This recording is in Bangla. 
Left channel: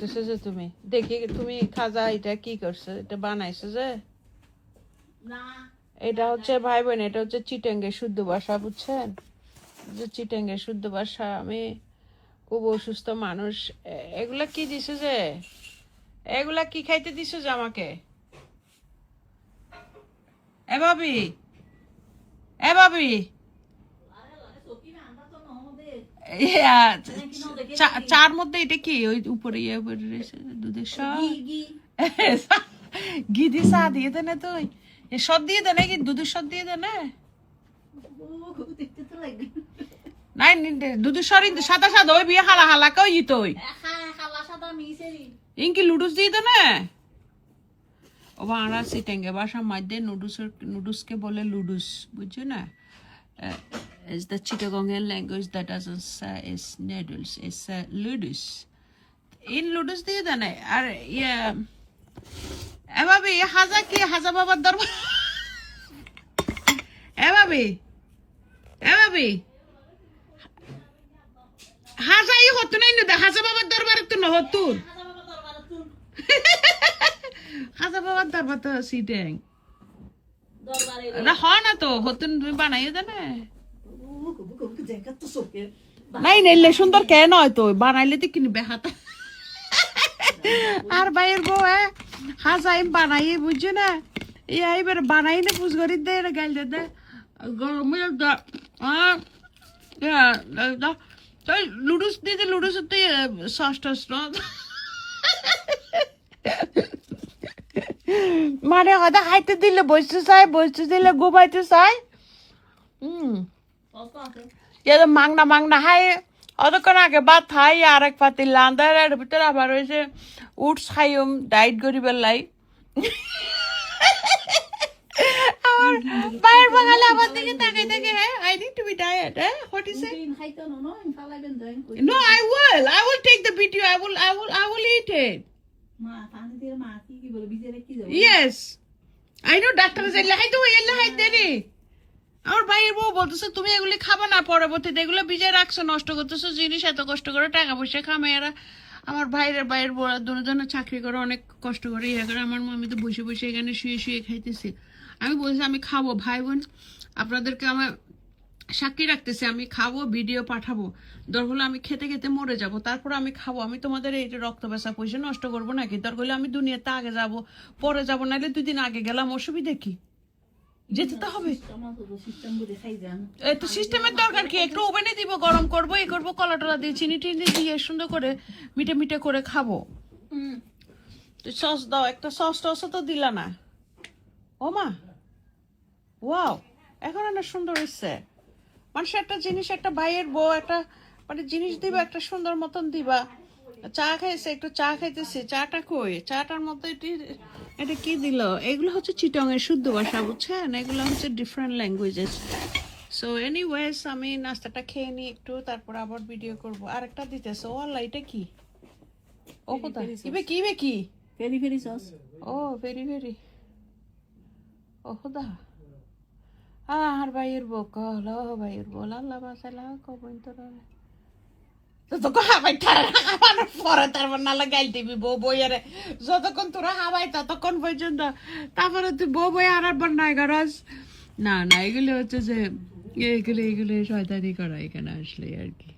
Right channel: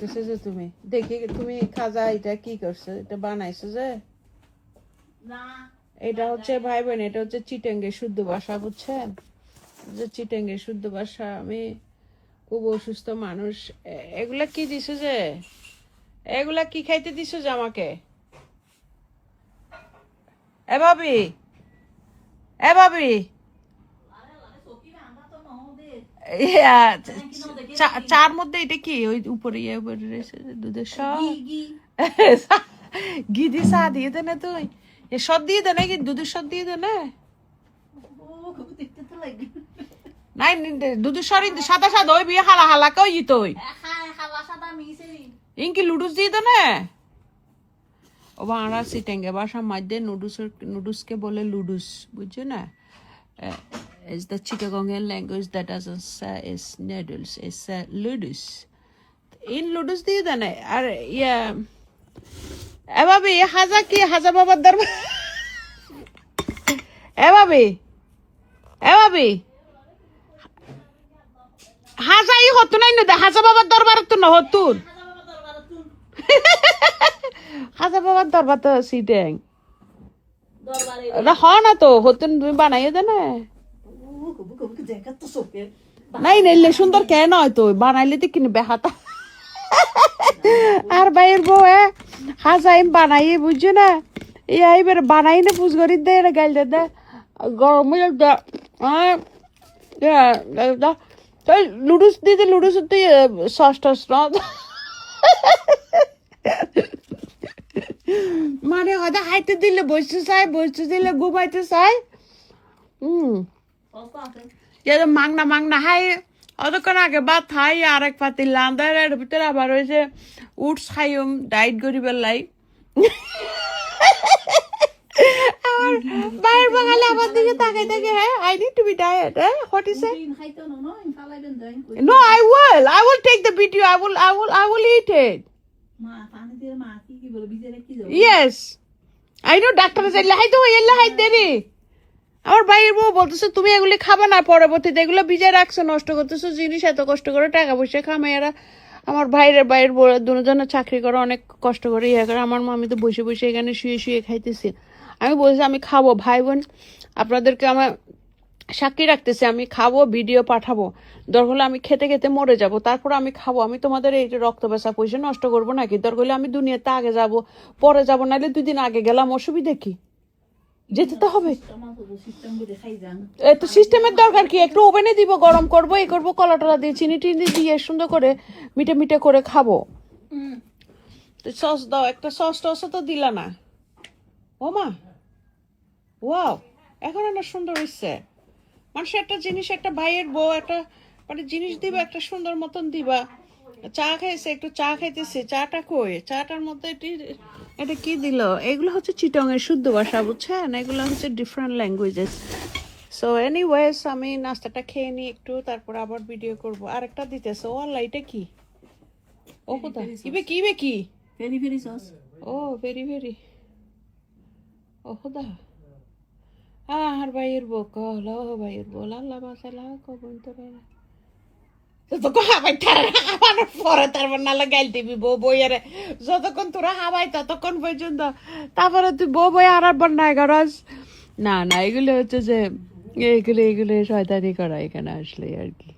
যে তুমি দেখি তুমি খাজা এটা কি করছো, এটা বানাইছো যে এটা হচ্ছে ভাই বোন, এটা হচ্ছে চিটাঙ্গের শুদ্ধ ভাষা, বুঝছেন? যে চিটাঙ্গের শুদ্ধ ভাষা। আমি খুব অসুস্থ মানুষ। এগুলা কি দিছো যে, এগুলা কি খাইতে দিছো যে আমাকে? এ ভাবি, এ ভাবি, চার মধ্যে এটা কি ওই উপরে ইয়ে দুধের ঘি দিয়ে চা দিয়ে দে না, তুই এ সব দিয়ে দে নাকি দুধের সব দিয়ে দে না? নাই দুধের সর সাদা সাদা ওই বিয়ে হালা হালা কই তুই ইনকি লুডুস দিয়ে দে না। ও বাংলা সিটেঙ্গে ভাষার মধ্যে নুডুসকে বলে লুডুস, বুঝছো না? Is the Chittagonian language that doesn't say is noodles, it's ludus. In ludus দিয়ে দেন আর ইয়া এ ভাবি হাজা কি হাজা বাবার দরবার এ ভাবি হাজাই হতো নাই না হাজা বাবার দরবার তো না হতুন হাজা বাবার দরবার তো সিটেং না হ না তো হতুন তুমি বানাইয়ে দে না। নাই নাইলে সুন্দর কেন হয় তো বানাইলে তো কিনবে হাতা আর বাইরের বউ হাজাই বানাইয়ে বুঝছো না এইবার বানাই না পুজ করি দে গাইল দে গরম লুডুস দিদি লুডুস সস টস মানে হয়তো খাইতে দিলে বসতে দিলে ঘুমাইতে চাই। মাংনা মাংনা হাই অতক্ষণ আগে ভাত খাই আর এক পাতি লান্দার এর ভিতরে আবার হয়েছে উটস খাইম ডাইট করিবার লাই আমার বাইরের বাঙালি আমার দিকে তাকাই থাকে হ্যাঁ I need to be diet হ্যাঁ what is it no I will take the video I will eat it yes I know doctor যাইলে হাই তো এলা হাই দেরি আমার ভাইয়ের বউ বলতেছে তুমি এগুলি খাবে না, পরবর্তীতে এগুলো ভিজে রাখছো নষ্ট করতেছো জিনিস, এত কষ্ট করে টাকা পয়সা খামেরা। আমার ভাইয়ের বউ দুজনে চাকরি করে অনেক কষ্ট করে ইয়ে করে, আমার মামি তো বসে বসে এখানে শুয়ে খাইতেছি। আমি বলছি আমি খাবো, ভাই বোন আপনাদেরকে আমার সাক্ষী রাখতেছি, আমি খাবো, ভিডিও পাঠাবো, দরকার হলে আমি খেতে খেতে মরে যাব, তারপর আমি খাবো। আমি তোমাদের এই যে রক্ত বেচা পয়সা নষ্ট করবো নাকি? দরকার হলে আমি দুনিয়াতে আগে যাব, পরে যাবো, নাহলে 2 দিন আগে গেলাম, অসুবিধা কি? যেতে তো হবে। তো সিস্টেমের দরকার কি? একটু ওভেনে দিব, গরম করবো, এই করবো, কলা টলা দিয়ে চিনি টিনি দিয়ে সুন্দর করে মিটে মিটে করে খাবো। সস দাও, একটা সস টস তো দিলা না। ও মা ওয়াও, এখন না সুন্দর হচ্ছে। মানুষের একটা জিনিস, একটা ভাইয়ের বউ একটা মানে জিনিস দিবা, একটা সুন্দর মতন দিবা। চা খাইছে, একটু চা খাইতেছে, চাটা কই? চাটার মধ্যে এটা কি দিল? এগুলো হচ্ছে চিটংয়ের শুদ্ধ ভাষা, বুঝছেন? এগুলো হচ্ছে ডিফারেন্ট ল্যাঙ্গুয়েজেস। সো এনিওয়েজ আমি নাস্তাটা খেয়ে নিই একটু, তারপর আবার ভিডিও করব। আরেকটা দিতেছে, ও আল্লাহ এটা কি? ও কোথায় কি ভেরি ভেরি সস। ও ভেরি ও খোদা আর ভাইয়ের বউ কল ভাইয়ের বল আল্লাহ বাসালা কবন তোরা যতক্ষণ হাবাই খাবার পরে তারপর নাহলে গাইল দিবি বউ বইয়ারে, যতক্ষণ তোরা হাবাই ততক্ষণ পর্যন্ত, তারপরে তুই বউ বই হারাবার নাই গরজ না। এগুলো হচ্ছে যে এগুলো শয়তানি করা এখানে আসলে আর কি।